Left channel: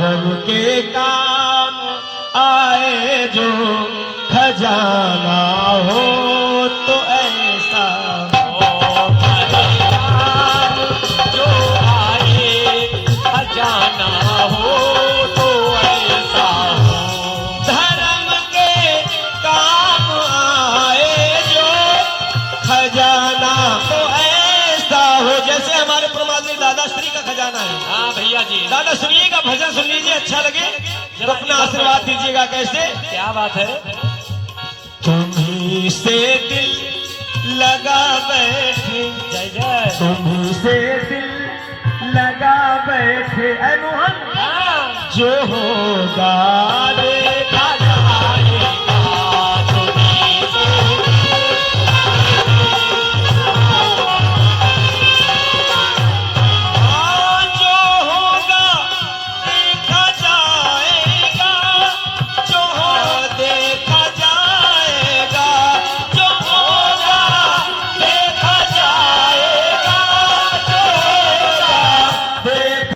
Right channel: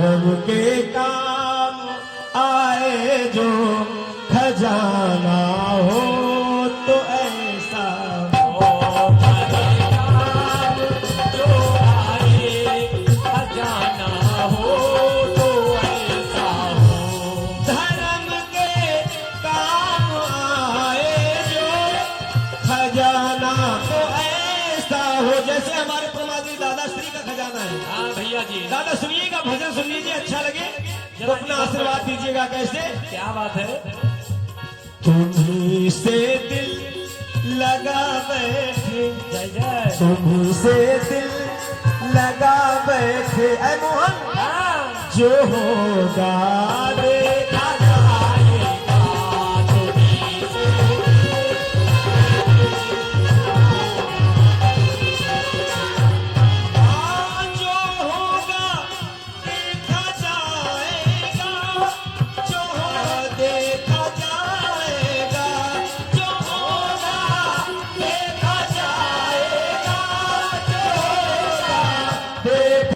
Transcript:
धर्म के काम आए जो खजाना हो तो ऐसा ओ धर्म काम जो आए खजाना हो तो ऐसा हो। धर्म के काम आए जो खजाना तो ऐसा हो। जैसे हमारे परमात्मा दादा श्री का खजाना है। हाँ भैया जी, दादा सुनिएगा, भजन सुन लीजिए, अच्छा लगे तो अपना आशीर्वाद दीजिएगा। कैसे? क्या बात है। तुम्ही से दिल लगा बैठे, जय जय। तुम्ही से दिल लगा बैठे ऐ मोहन, हाँ जो होगा